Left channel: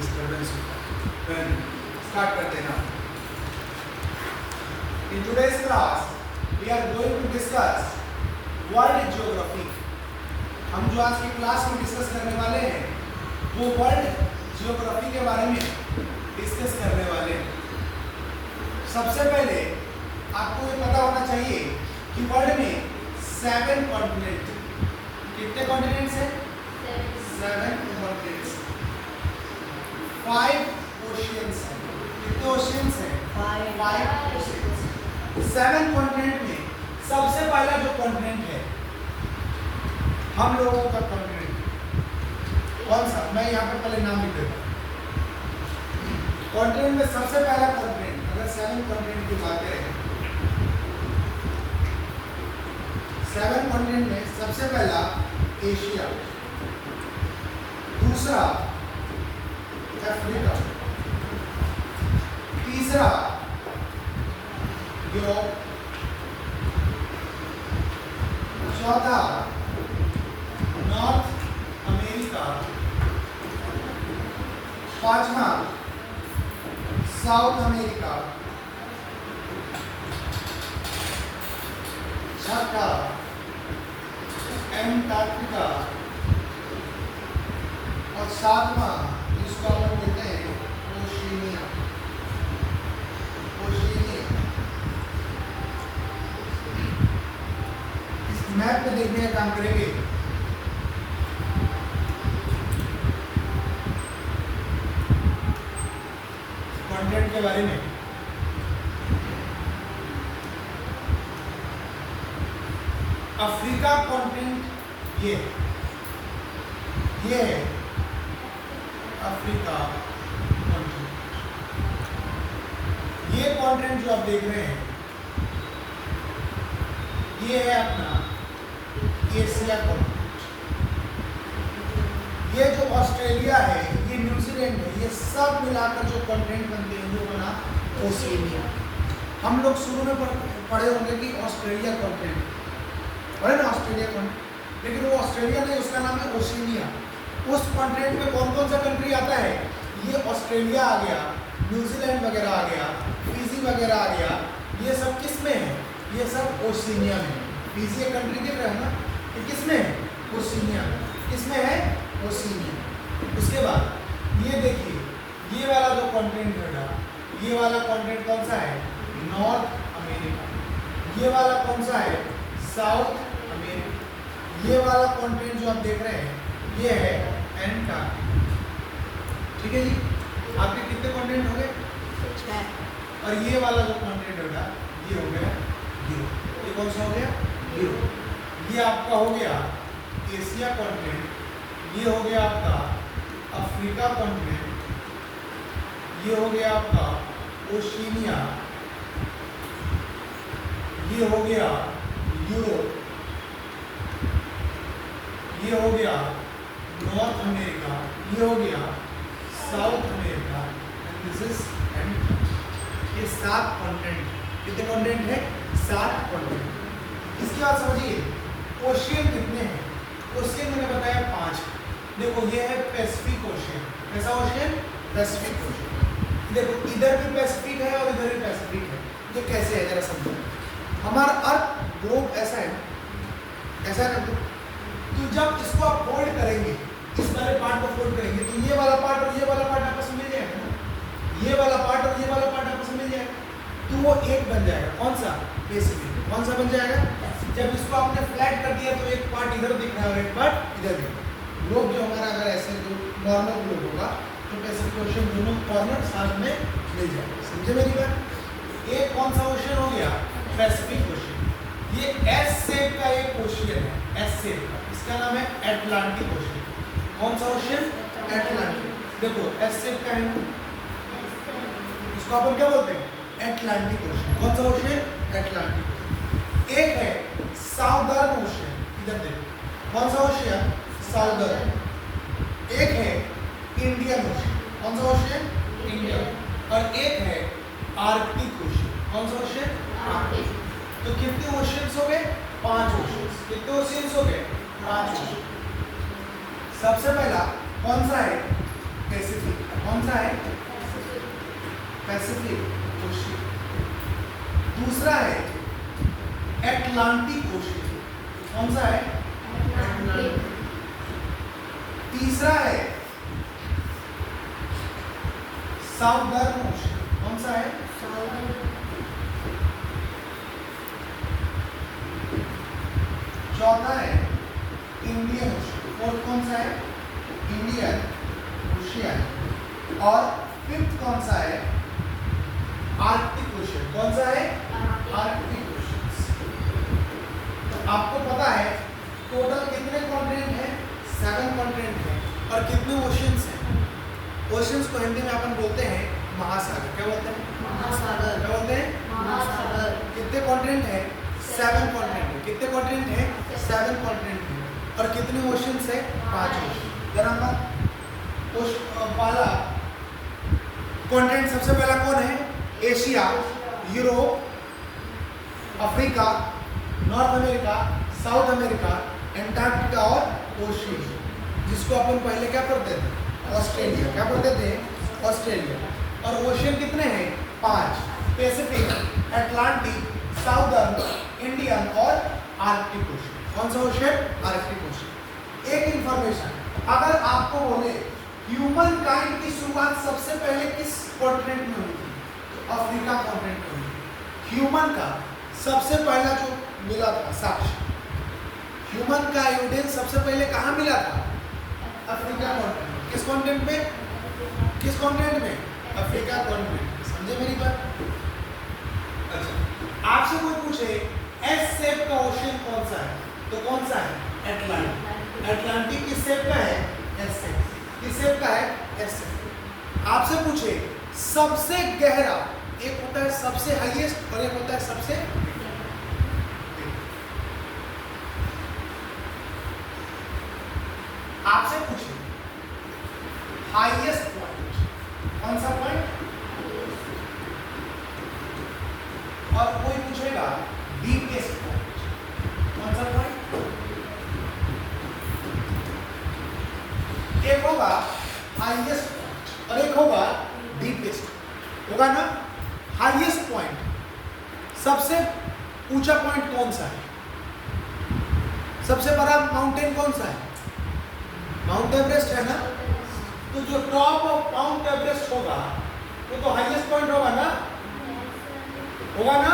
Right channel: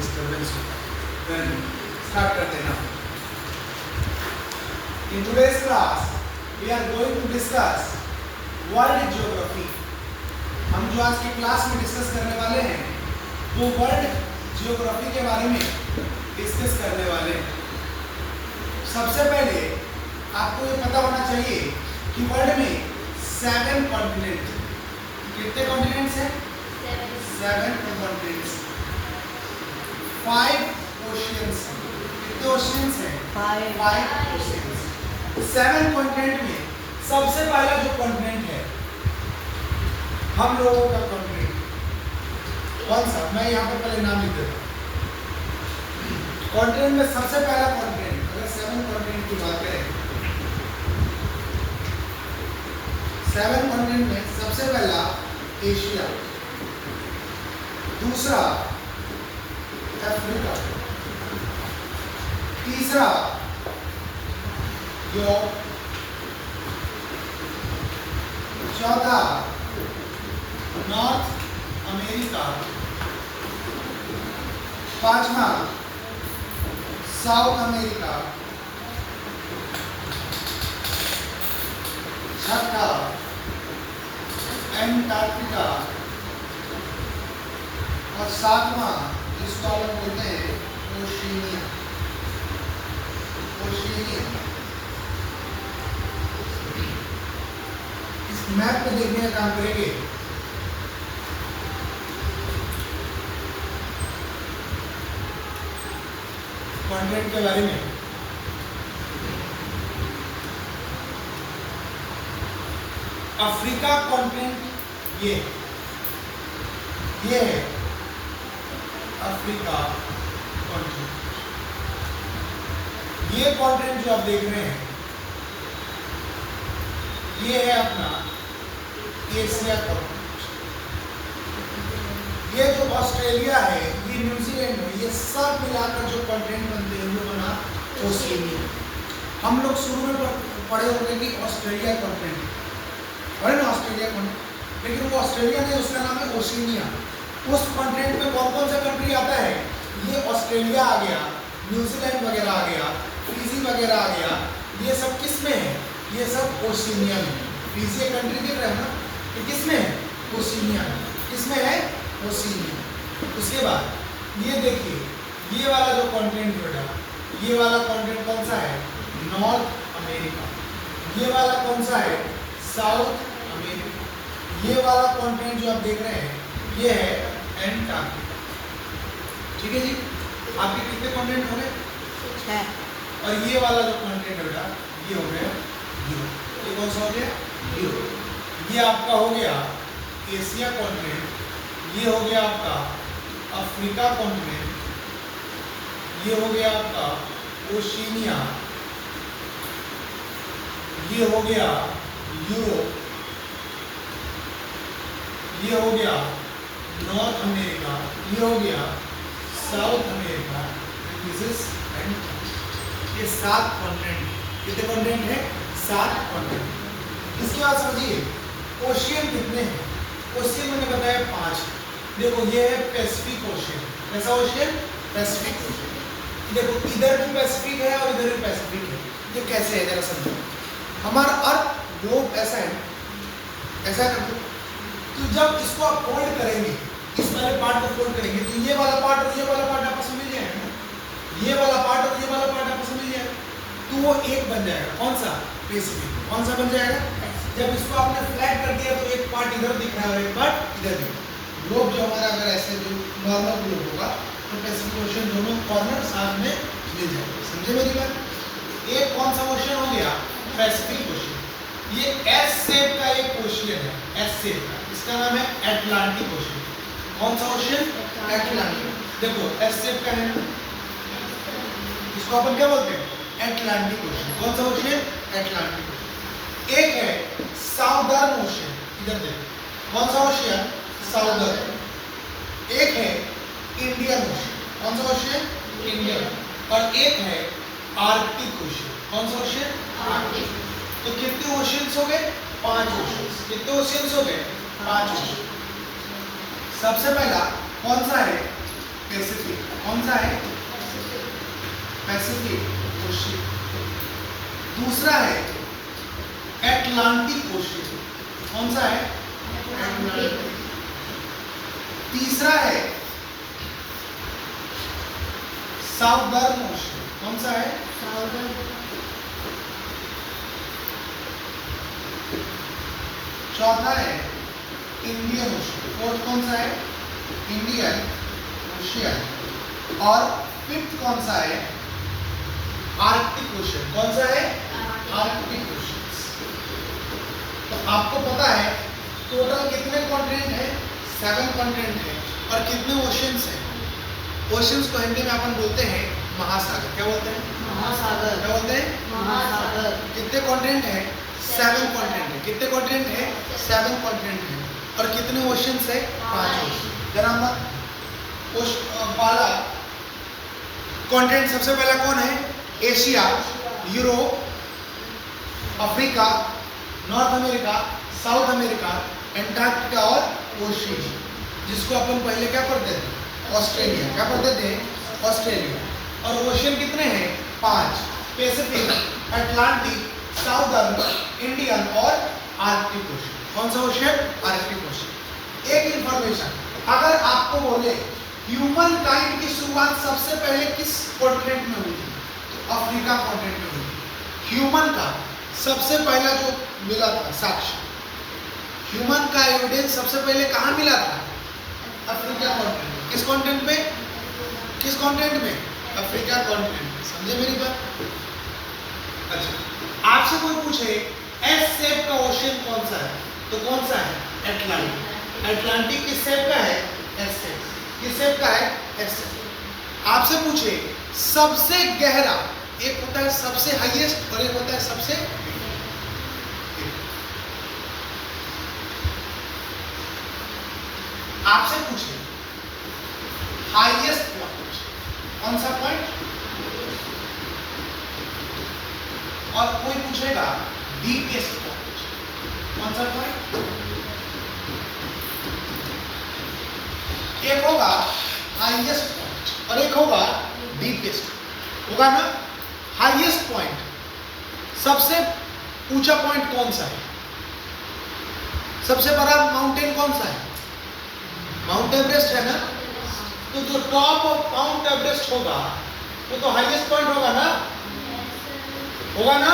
Disturbance होगा। Then start करते हैं ना। In today's class, we are going to discuss world geography. हम जो आज की क्लास में डिस्कस करने वाले हैं वो वर्ल्ड जियोग्राफी के बारे में डिस्कस करने वाले हैं। सबसे पहले आपको ये पता होना चाहिए कि वर्ल्ड में 7 कॉन्टिनेंट, कितने कॉन्टिनेंट्स हैं? 7 कॉन्टिनेंट्स, 5 ओशियंस हैं। कितने ओशियंस हैं? 5 ओशियंस। 7 कॉन्टिनेंट में सबसे पहला जो कॉन्टिनेंट है हम लोगों का कॉन्टिनेंट कौन सा? मैं यहाँ पर पहले नाम लिख देता हूँ। कॉन्टिनेंट में सबसे पहला कॉन्टिनेंट, अगर 7 कॉन्टिनेंट की बात करें, 7 कॉन्टिनेंट में सबसे पहला एशिया, दूसरा अफ्रीका, तीसरा यूरोप, चौथा नॉर्थ अमेरिका, पांचवा साउथ अमेरिका, छठा एंटार्क्टिका और सातवां जिसको हम लोग बोलते हैं ओशिनिया। ओशिनिया इस मैप में देखने का काम करेंगे। कॉन्टिनेंट के बारे में अफ्रीका कॉन्टिनेंट ये है अफ्रीका कॉन्टिनेंट। ये कॉन्टिनेंट जो आप देख रहे हैं ये है अपना एशिया कॉन्टिनेंट। ये जो ऑस्ट्रेलिया है, ये न्यूजीलैंड है, ये सब मिलाकर जो कॉन्टिनेंट बनते हैं वो बना ओशिनिया। हम लोग शुरू में पढ़े होंगे कि ऑस्ट्रेलिया कॉन्टिनेंट, पढ़े ना ऑस्ट्रेलिया कॉन्टिनेंट, लेकिन वो ऑस्ट्रेलिया नहीं, उसका नाम है ओशिनिया। उस कॉन्टिनेंट में कौन कौन सा कंट्री आता है? ये ऑस्ट्रेलिया आ गया, न्यूजीलैंड वगैरह आ गया, फिजी वगैरह आ गया। ये सब किस में है? ये सब ओशिनिया में। फिजी कंट्री देख रहे हो ना, ये किस में है? ओशिनिया में। किसमें है? ओशिनिया। उसके बाद ये देखिए, ये वाला जो कॉन्टिनेंट बेटा, ये वाला कॉन्टिनेंट कौन सा है? North America. ये वाला कौन सा है? South America. ये वाला कॉन्टिनेंट जो आप देख रहे हैं ये है एंटार्क्टिका। ठीक है जी, आपके कितने कॉन्टिनेंट हो गए? 6। और ये वाला जो कॉन्टिनेंट है बेटा ये हो गया यूरोप। ये कौन सा हो गया? यूरोप। ये आपका हो गया एशिया कॉन्टिनेंट। ये हो गया आपका अफ्रीका कॉन्टिनेंट। ये हो गया आपका ओशिनिया। ये हो गया यूरोप। ये हो गया नॉर्थ अमेरिका। ये हो गया south America. This is and ये 7 कॉन्टिनेंट। कितने कॉन्टिनेंट है? 7 कॉन्टिनेंट। इसके बाद समझिए ओशियन कितने हैं? ओशियन मैंने बताया 5। देखो ये है पैसिफिक ओशियन। कैसा ओशियन? Pacific ocean. देखो इधर भी पैसिफिक है और इधर भी पैसिफिक है। ये कैसे है जरा समझो। हमारा अर्थ ग्लोब ऐसा है, ऐसा कर दो, तो जब इसको आप फोल्ड करेंगे, इस वाले पार्ट को फोल्ड करेंगे तो ये वाला पार्ट और ये वाला पार्ट आपस में मिल जाएगा ना। ये वाला पार्ट और ये वाला पार्ट आपस में मिल जाएगा तो वो एक बन जाएगा। कौन सा? पैसिफिक। कौन सा बन जाएगा? जब इसको आपने फ्लैट कर दिया तो एक पार्ट इधर दिख रहा है और एक पार्ट इधर दिख रहा है। ग्लोब जो हमारा अगर ऐसे जो नॉर्मल ग्लोब होगा तो पैसिफिक ओशन दोनों कॉर्नर साथ में मिल जाएंगे। समझे मेरी बात? एक कौन सा ओशन हो गया? Pacific ocean. ये एस शेप का एक ओशियन है, एस शेप का, इसका नाम है अटलांटिक ओशन। कौन सा ओशन? अटलांटिक। देखो एस शेप का है, इसको अपन क्या बोलते हैं? Atlantic ocean. कौन सा ओशन? Atlantic ocean. एक है साउदर्न ओशन, इधर देखो। कौन सा ओशन? साउदर्न। एक है इंडियन ओशन। कौन सा ओशन? इंडियन। और एक है आर्कटिक ओशन। कौन सा ओशन? आर्कटिक। तो कितने ओशियंस हो गए? 5 ओशियंस। कितने ओशियंस हो गए? 5 ओशियंस। सबसे पहला कौन सा है? पैसिफिक। कौन सा है? Pacific ocean. दूसरा है एटलांटिक ओशियन। कौन सा है? एटलांटिक। तीसरा है साउदर्न ओशियन। कौन सा है? साउदर्न। चौथा है इंडियन ओशियन। फोर्थ कौन सा है? Indian ocean. और फिफ्थ कौन सा है? Arctic ocean. कौन सा है? Arctic ocean. तो आपको पता है टोटल कितने कॉन्टिनेंट हैं? 7 कॉन्टिनेंट हैं। और कितने ओशियंस हैं? ओशियंस को हिंदी में अपन बोलते हैं महासागर। क्या बोलते हैं? महासागर। क्या बोलते हैं? महासागर। कितने कॉन्टिनेंट हैं? 7 कॉन्टिनेंट है। कितने कॉन्टिनेंट हैं? 7 कॉन्टिनेंट हैं। और कितने ओशियंस है? 5 ओशियन। जरा मत पहला कॉन्टिनेंट सबसे पहला कौन है? Asia, Europe, Africa, north America, south America, Antarctica और ओशियन, जिसको अपन पहले क्या पढ़ते थे? ऑस्ट्रेलिया। क्या पढ़ते थे? ऑस्ट्रेलिया। और ओशियन कितने हैं? 5। पैसिफिक, अटलांटिक, साउदर्न, इंडियन और आर्कटिक ओशियन। कौन सा ओशियन? Arctic ocean. एक इंफॉर्मेशन, अगर आपको बोले ह्यूमन काइंड की शुरुआत सबसे पहले किस कॉन्टिनेंट में हुई थी? तो अफ्रीका कॉन्टिनेंट में हुई थी। ह्यूमन का सबसे पहला जो मिला था साक्ष्य, ह्यूमन का एविडेंस सबसे पहले कहाँ मिला था? Africa continent. किस कॉन्टिनेंट में? किस कॉन्टिनेंट में? Africa continent. समझे मेरी बात? अच्छा, आपसे कोई पूछे एस शेप का ओशियन कौन सा है, तो कौन सा है? एटलांटिक। एटलांटिक किस शेप का है? S shape. किस शेप का है? S shape. आपसे पूछे सबसे गहरा, एक होता है सबसे हाईएस्ट और एक होता है सबसे, आपसे पूछे हाईएस्ट पॉइंट, कौन सा पॉइंट? और कोई पूछेगा डीपेस्ट पॉइंट, कौन सा पॉइंट? एक होगा हाईएस्ट पॉइंट और एक होगा डीपेस्ट। होगा ना? हाईएस्ट पॉइंट, सबसे ऊंचा पॉइंट कौन सा है? सबसे बड़ा माउंटेन कौन सा है? माउंट एवरेस्ट है ना? तो जो टॉप ऑफ माउंट एवरेस्ट होगा वो तो हाईएस्ट पॉइंट होगा ना? होगा ना?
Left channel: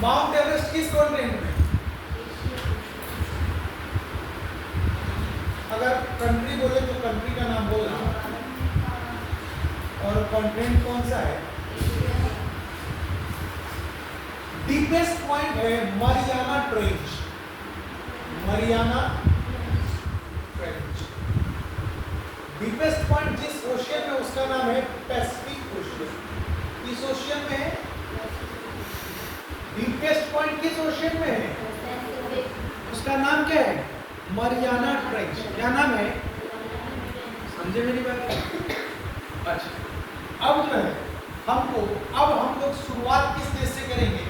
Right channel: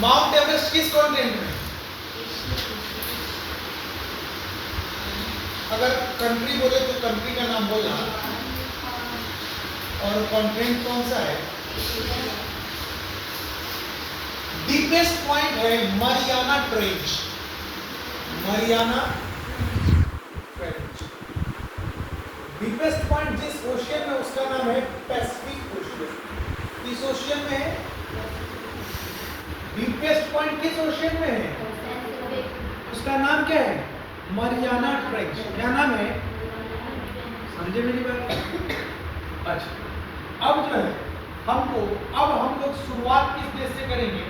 माउंट एवरेस्ट किस कॉन्टिनेंट में? अगर कंट्री बोले तो कंट्री का नाम बोलना, और कॉन्टिनेंट कौन सा है? डीपेस्ट पॉइंट है Mariana trench. Mariana trench deepest point जिस ओशियन में, उसका नाम है पैसिफिक ओशियन। किस ओशियन में है? डीपेस्ट पॉइंट किस ओशियन में है? उसका नाम क्या है? Mariana trench. क्या नाम है? समझे मेरी बात? अच्छा, अब हम लोग शुरुआत किस देश से करेंगे?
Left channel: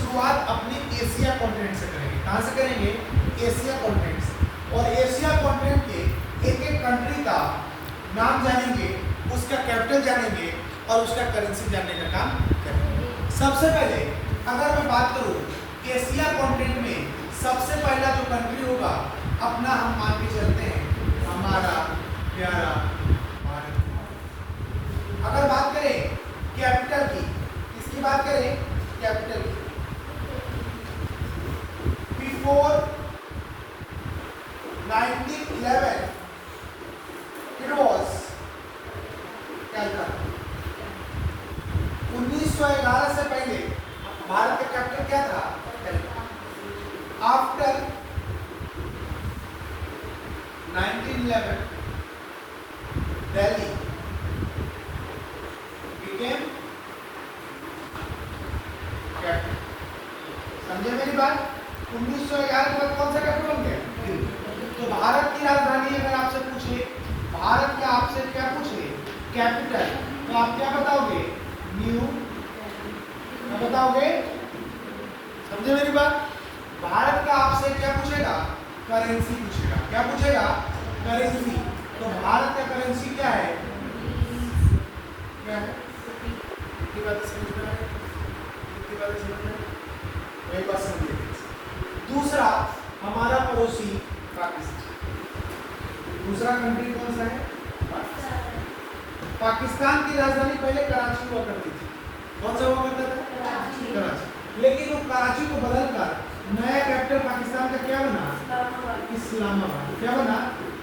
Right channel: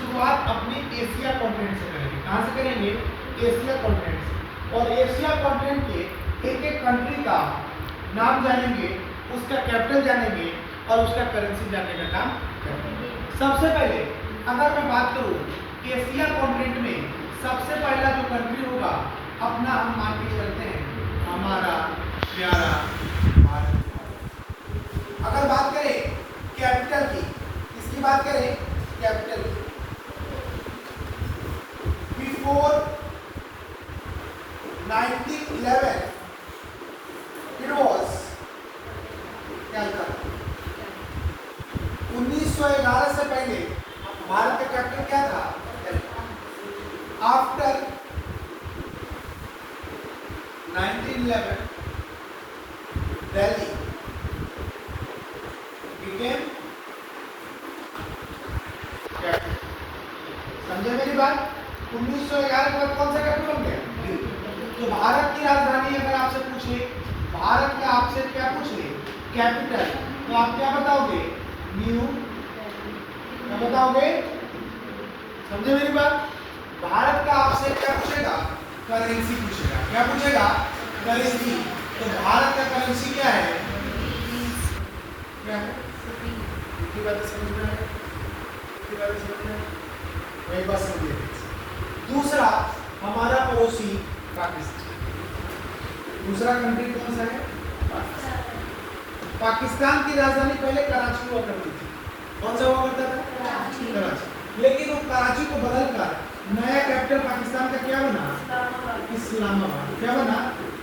शुरुआत अपनी एशिया कॉन्टिनेंट से करेंगे। कहां से करेंगे? एशिया कॉन्टिनेंट से। और एशिया कॉन्टिनेंट के एक एक कंट्री का नाम जानेंगे, उसका कैपिटल जानेंगे और उसका करेंसी जानने का काम करेंगे। सबसे पहले अगर मैं बात करूं एशिया कॉन्टिनेंट में, सबसे पहला जो कंट्री होगा अपना, हम मान के चलते हैं हमारा प्यारा भारत। अगर बात करें कैपिटल की, इसकी बात करें कैपिटल की, बिफोर 1911 इट वाज कलकत्ता। 1911 से पहले भारत का कैपिटल क्या था? Calcutta. After 1911 Delhi became capital. समझे मेरी बात? 1911 के बाद कौन सा कैपिटल बन गया? तो भारत की राजधानी अगर आपसे पूछे, भारत का आपसे क्या पूछे? कैपिटल, तो आप क्या बताओगे? न्यू। क्या बताओगे? समझे मेरी बात? भारत का आपसे क्या पूछेगा? करेंसी पूछेगा। क्या पूछेगा? करेंसी। तो भारत का करेंसी क्या है? क्या है? की बात समझ में आ रही है? की बात समझ में आ रही है? एक बात समझिए। दूसरा हमारा पड़ोसी पाकिस्तान। दूसरा कंट्री कौन सा है? पाकिस्तान की राजधानी पहले कराची हुआ करती थी। कौन सा हुआ करता था? कराची। लेकिन वो कराची को बदलकर नया कैपिटल पाकिस्तान का क्या बना? इस्लामाबाद। क्या बना?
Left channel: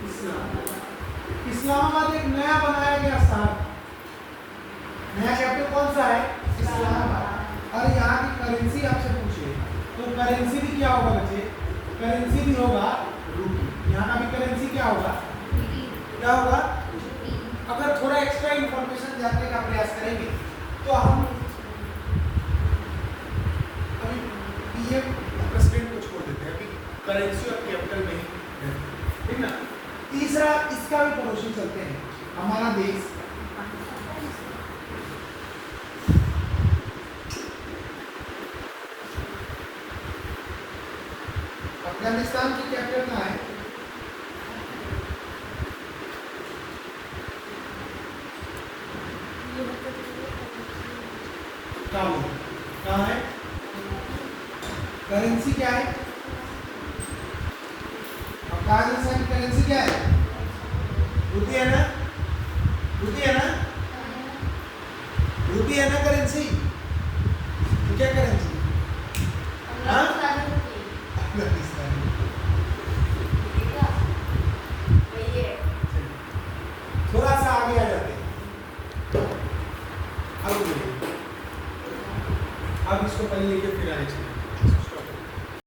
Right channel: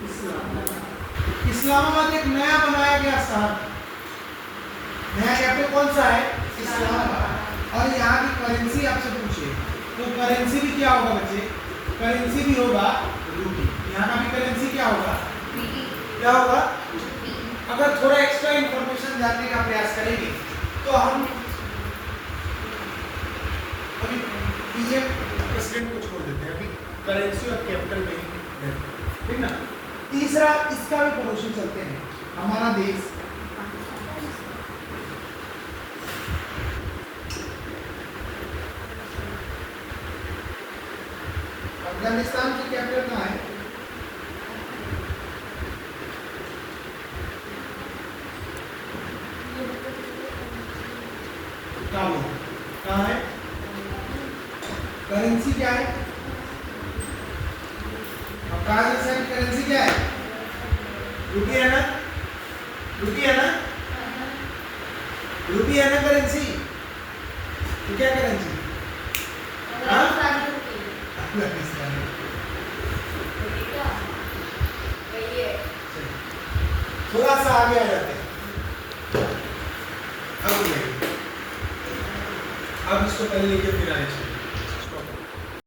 इस्लामाबाद। इस्लामाबाद एक नया बनाया गया शहर। नया कैपिटल कौन सा है? इस्लामाबाद। और यहाँ की करेंसी आपसे पूछे तो करेंसी भी क्या होगा बच्चे? करेंसी भी होगा रूपी। यहाँ का भी करेंसी क्या होगा? क्या होगा? अगर थोड़ा एक्स्ट्रा इंफॉर्मेशन जानने का प्रयास करेंगे तो हम अभी पीएम प्रेसिडेंट को छोड़ देते हैं, अभी करेंसी और कैपिटल में, ठीक ना। तीसरा इसका भी पड़ोसी चलते हैं, हमारा देश अफगानिस्तान की कैपिटल कहाँ है? काबुल। कहाँ है? करेंसी क्या है? अफगानिस्तान करेंसी क्या है? रूपी है ना? रूपी है ना? रूपी है ना करेंसी? तो क्या करेंसी?